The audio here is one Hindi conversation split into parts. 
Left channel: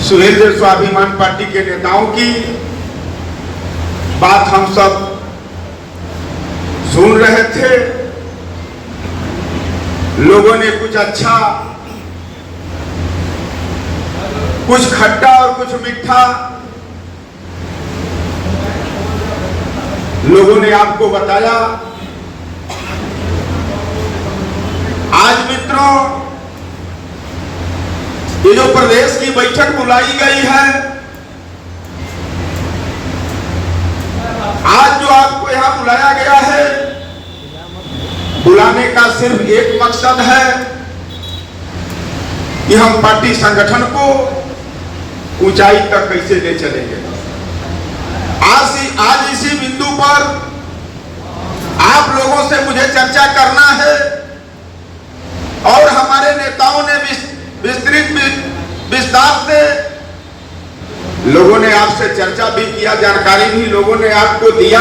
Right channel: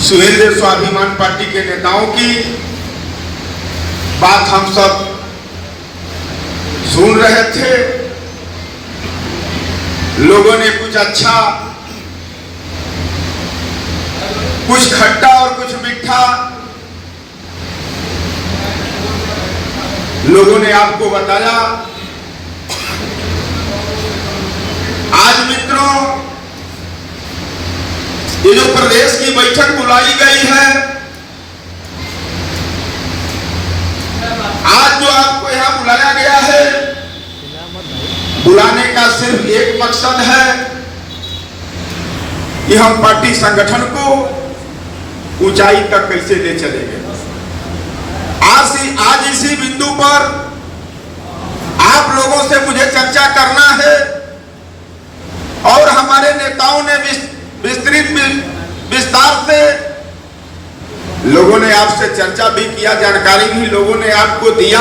सुहेलदेव स्वाभिमान पार्टी के नेताओं की बात हम सब सुन रहे थे। लोगों ने कुछ अच्छा, कुछ खट्टा और कुछ मीठा लोगों ने आपको बताया। आज मित्रों, ये जो प्रदेश की बैठक बुलाई गई है, आज जो आपको यहां बुलाया गया है, बुलाने का सिर्फ एक मकसद है कि हम पार्टी संगठन को ऊंचाई तक कैसे ले चलेंगे। आज इसी बिंदु पर आप लोगों से मुझे चर्चा करना है और हमारे नेताओं ने विस्तार से लोगों ने आपसे चर्चा भी किया, जानकारी भी लोगों ने आपको दिया।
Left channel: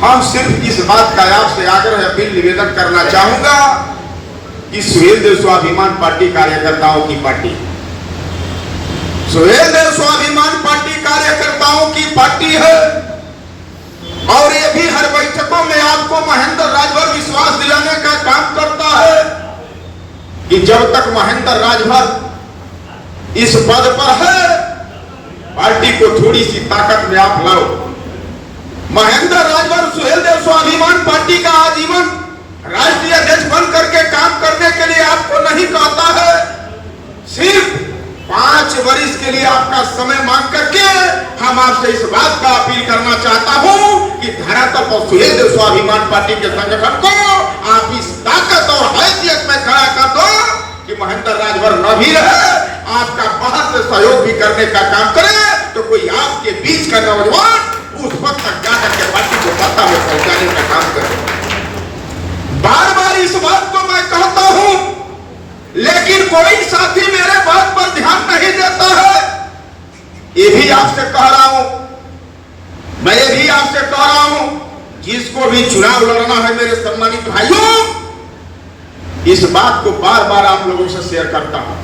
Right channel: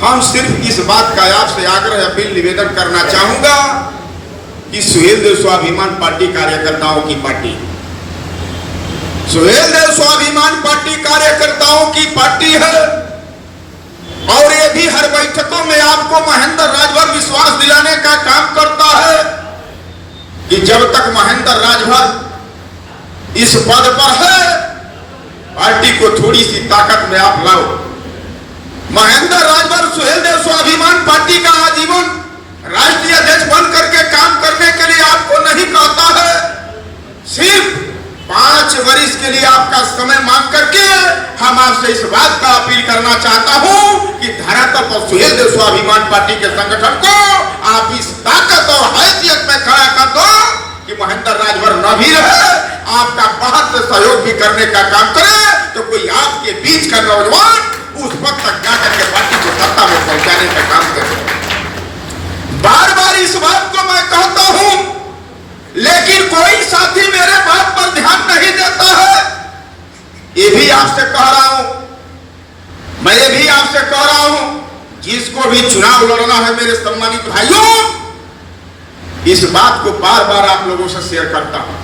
हम सिर्फ इस बात का आपसे आग्रह, अपील, निवेदन करना चाहूंगा कि सुहेलदेव स्वाभिमान पार्टी कार्यकर्ताओं की पार्टी, सुहेलदेव स्वाभिमान पार्टी कार्यकर्ताओं की पार्टी है। और ये भी हर बैठकों में आपको महेंद्र राजभर विश्वास दिलाने का काम करता है कि जब तक महेंद्र राजभर इस पद पर है, पार्टी को थोड़ी सी ताकत में आप लाओ। महेंद्र राजभर सुहेलदेव स्वाभिमान पार्टी का आजीवन राष्ट्रीय अध्यक्ष बन करके काम करने के लिए आपको नहीं कहता है, सिर्फ 5 वर्ष के लिए आपका समय मांग करके हम आपसे इस बात का अपील करना चाहता हूं कि धरातल पर सुहेलदेव स्वाभिमान पार्टी के संगठन को आप इस ताकत और हैसियत में खड़ा कर दो कि महेंद्र राजभर न भी रहे, आपका बाहर से सहयोग भी करने का काम करे, तो कोई आपके बीच का नौजवान उस वक्त तक जाकर के पार्टी को सत्ता में पहुंचाने का काम करे। बार बार इस बात को मैं कहता हूं, लेकिन कोई साथी मेरे बात पर ध्यान नहीं देता है। ये भी आपसे कह रहा हूं, मैं ये भी आपसे कह रहा हूं, जिसको भी चुनाव लड़ना है मेरे सम्मानित भाइयों, इस बात को बार बार आप लोगों से शेयर करता हूं।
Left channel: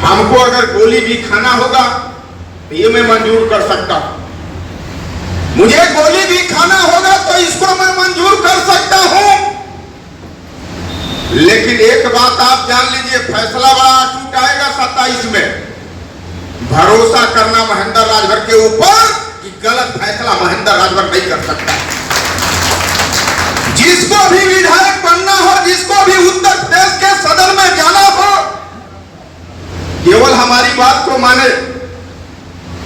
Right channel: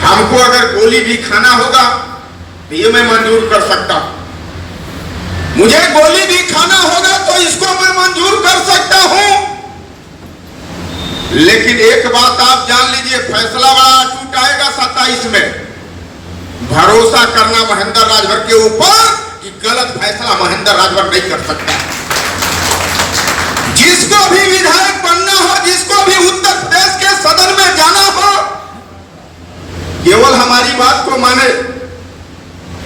हमको अगर गोली भी खाना होगा तो ये मैं मंजूर कर सकता हूं, मुझे गोली भी खाना होगा तो इसको मैं मंजूर कर सकता हूं। लेकिन एक बात आप जान लीजिए, फैसला बड़ा अटूट आएगा 27 में। भरोसा करना महेंद्र राजभर के ऊपर कि गलत फैसला महेंद्र राजभर नहीं कर सकता। जिसको भी विधायक बनना हो, जिसको भी उत्तर प्रदेश के सदन में जाना हो, केवल हमारी बात को माने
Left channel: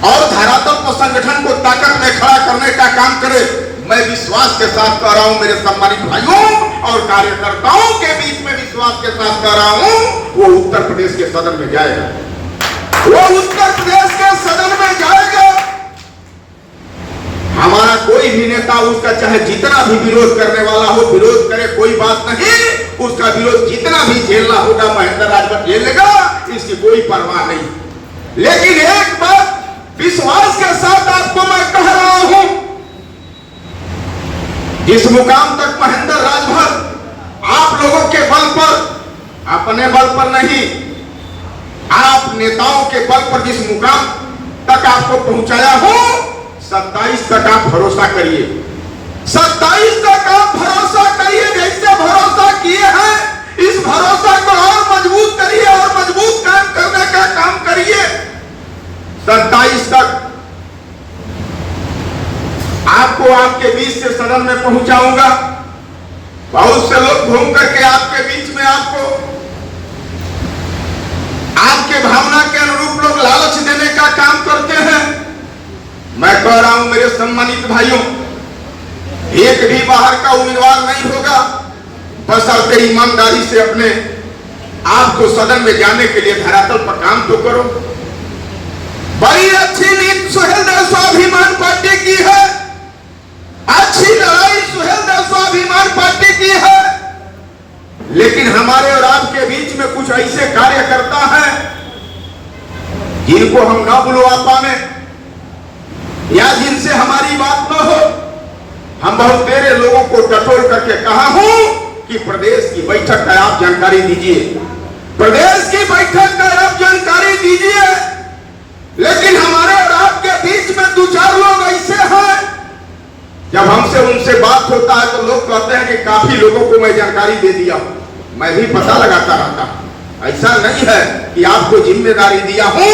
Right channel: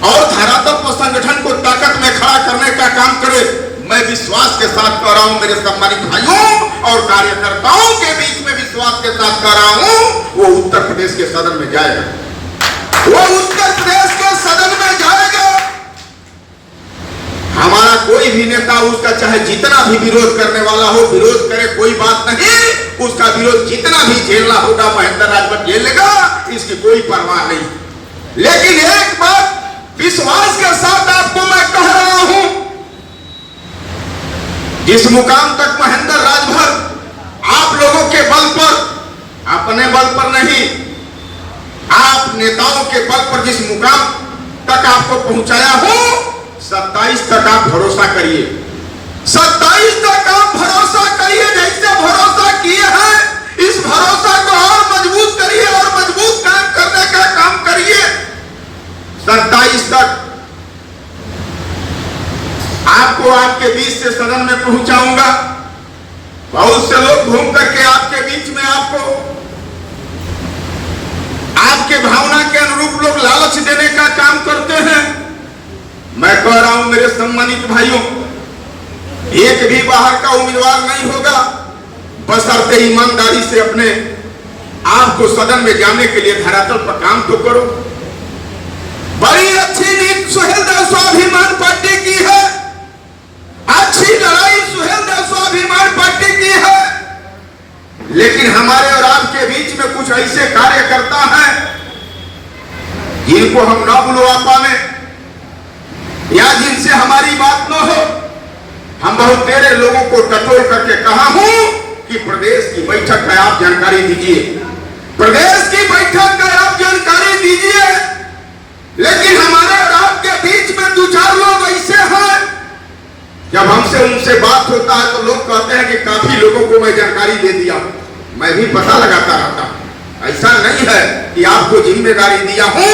और धरातल पर संगठन को ताकत में खड़ा करने का काम करे। मैं विश्वास के साथ कह रहा हूं मेरे सम्मानित भाइयों और कार्यकर्ताओं के बीच में विश्वास के साथ कह रहा हूं, वो उत्तर प्रदेश के सदन में जाएगा, वो उत्तर प्रदेश के सदन में जाएगा। हमारा कोई भी नेता, उसका चाहे जितना भी विरोध करने वाला हो, विरोध करे, कोई बात नहीं, उसका विरोध जितना भी झेलना होगा महेंद्र राजभर झेल लेगा, इसकी कोई परवाह नहीं। लेकिन एक बात विश्वास के साथ आपको मैं कह रहा हूं, जिस मुकाम तक महेंद्र राजभर आप लोगों के बल पर, अपने बल पर नहीं, आप नेताओं के बल पर जिस मुकाम तक आपको पहुंचाया हो, 27 तक आप भरोसा करिए, 27 तक आप भरोसा करिए। जैसे भरोसा किए हैं, इस भरोसा को और मजबूत करिए और मजबूत काम करने का काम करिए। 27 तक आपको आपके बीच से सदन में पहुंचाऊंगा। बहुत से लोग घूम करके आपके बीच में आपको आपके भावना के अनुरूप लोग लालच देने का काम करते हैं। मैं कह रहा हूं मेरे सम्मानित भाइयों, एक भी बाहर का उम्मीदवार नहीं होगा, बशर्ते ईमानदारी से अपने आप को सदन में जाने के लिए धरातल पर काम तो करो। बड़ी अच्छी नीति सुहेलदेव स्वाभिमान पार्टी की है, अच्छी लड़ाई सुहेलदेव स्वाभिमान पार्टी की है, लेकिन हमारे और आपके बीच में कुछ ऐसे कार्यकर्ता हैं जिनको हम ना बुलवा पाए या जिनसे हमारी बात न हो। हम बहुत तेरे लोगों को टटोल करके कहा हूं कि प्रदेश की बैठक का आप जानकारी दीजिए, प्रदेश की बैठक का आप जानकारी दीजिए। होता है तो लोग कहते हैं कि काफी लोगों को मैं जानकारी दे दिया, मैं भी पता लगाता रहता। ऐसा नहीं है कि आपको जिम्मेदारी दिया हूं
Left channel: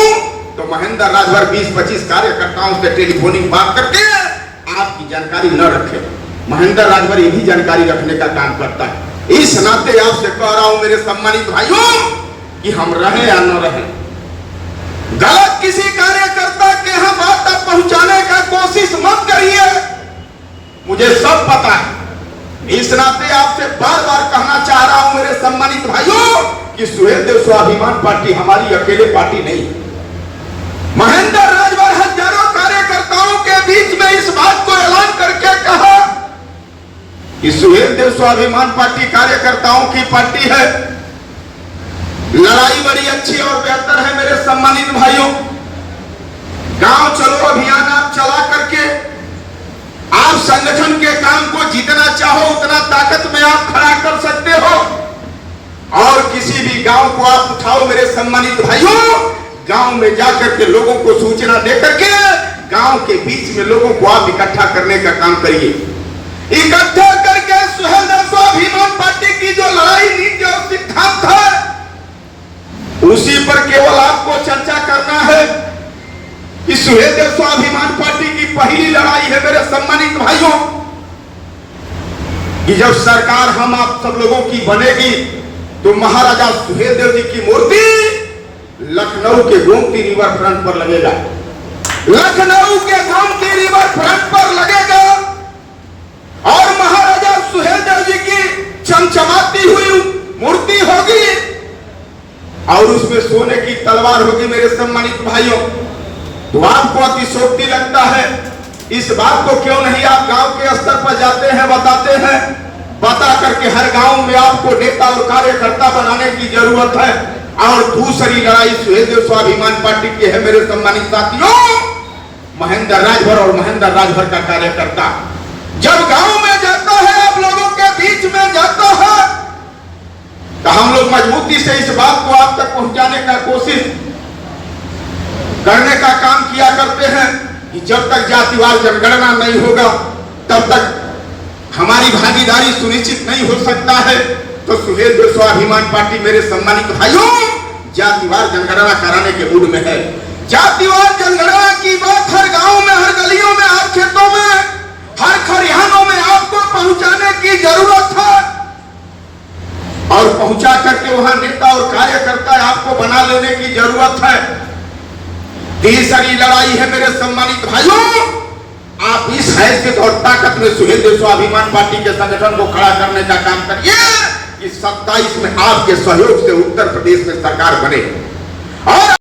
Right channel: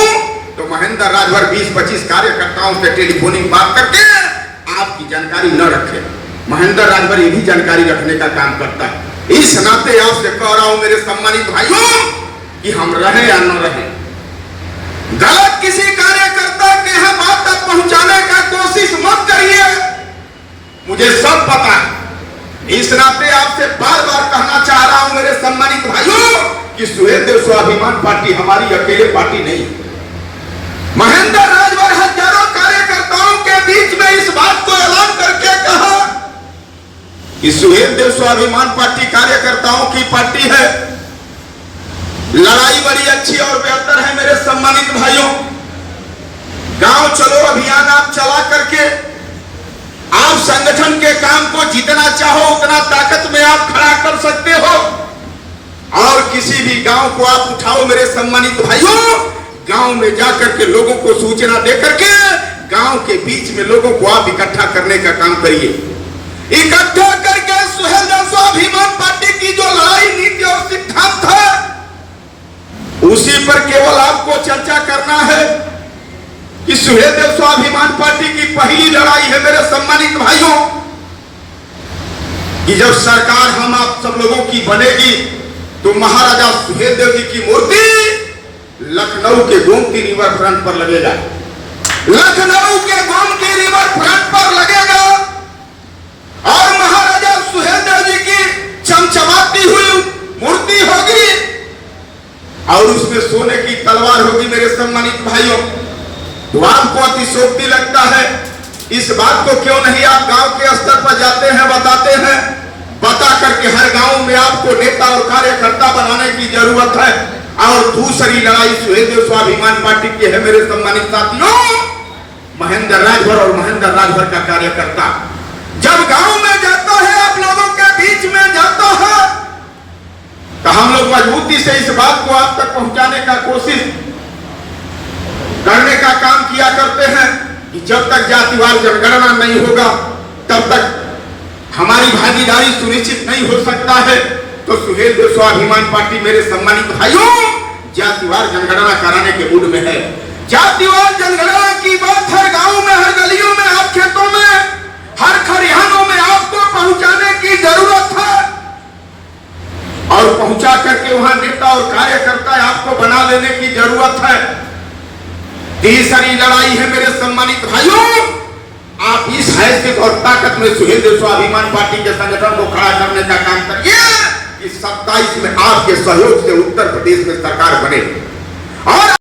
तो महेंद्र राजभर 20-25 कार्यकर्ताओं से टेलीफोनिक बात करके आपकी जानकारी न रखे। महेंद्र राजभर ये भी जानकारी रखने का काम करता है। इस नाते आपसे कह रहा हूं मेरे सम्मानित भाइयों कि हम रहे या न रहे, गलत किसी कार्यकर्ता के यहाँ बात तक पहुंचाने का कोशिश मत करिए, मुझे सब पता है। इस नाते आपसे बार बार कहना चाह रहा हूं मेरे सम्मानित भाइयों कि सुहेलदेव स्वाभिमान पार्टी हमारी अकेले पार्टी नहीं। महेंद्र राजभर हजारों कार्यकर्ताओं के बीच में इस बात को ऐलान करके कहा कि सुहेलदेव स्वाभिमान पार्टी कार्यकर्ताओं की पार्टी है। लड़ाई बड़ी अच्छी और बेहतर है मेरे सम्मानित भाइयों। गांव चलो अभियान आप चला करके आप संगठन के काम को जितना चाहो उतना ताकत में आप खड़ा कर सकते हो और किसी भी गांव को आप उठाओ मेरे सम्मानित भाइयों, गांव में जाकर के लोगों को सूचना देकर के गांव के बीच में लोगों को आप इकट्ठा करने का काम करिए। इकट्ठा करके सुहेलदेव स्वाभिमान पार्टी की जो लड़ाई नीति और सिद्धांत है उसी पर केवल आपको चर्चा करना है कि सुहेलदेव स्वाभिमान पार्टी की पहली लड़ाई है मेरे सम्मानित भाइयों कि जब सरकार हम आप सब लोगों की बनेगी तो महाराजा सुहेलदेव जी की मूर्ति लखनऊ के गोमती रिवर फ्रंट पर लगेगा। लखनऊ के गोमती रिवर फ्रंट पर लगेगा और महाराजा सुहेलदेव जी की चमचमाती हुई मूर्ति होगी और उसमें सोने की तलवार होगी मेरे सम्मानित भाइयों। तो आपको अतिशोक्ति लगता है, इस बात को क्यों नहीं आप गांव के स्तर पर जाते हैं, बताते हैं, बता करके हर गांव में आपको नेता और कार्यकर्ता बनाने की जरूरत है। और दूसरी लड़ाई सुहेलदेव स्वाभिमान पार्टी की है मेरे सम्मानित साथियों, महेंद्र राजभर और महेंद्र राजभर का कार्यकर्ता जब गांव में जाता है, आप लोगों के बीच में जाता है, तो हम लोग मजबूती से इस बात को आप तक पहुंचाने का कोशिश करने का काम किया करते हैं कि जब तक जातिवार जनगणना नहीं होगा तब तक हमारी भागीदारी सुनिश्चित नहीं हो सकता है। तो सुहेलदेव स्वाभिमान पार्टी मेरे सम्मानित भाइयों जातिवार जनगणना कराने के मूड में है। जातिवार जनगणना की बात हर गांव में, हर गलियों में, आप खेतों में, हर खरिहानों में आपको पहुंचाने की जरूरत है और पहुंचा करके वहां नेता और कार्यकर्ता आपको बना लेने की जरूरत है। तीसरी लड़ाई है मेरे सम्मानित भाइयों, आप इस हैसियत और ताकत में सुहेलदेव स्वाभिमान पार्टी के संगठन को खड़ा करने का काम करिए कि 27 में आपके सहयोग से उत्तर प्रदेश में सरकार बने और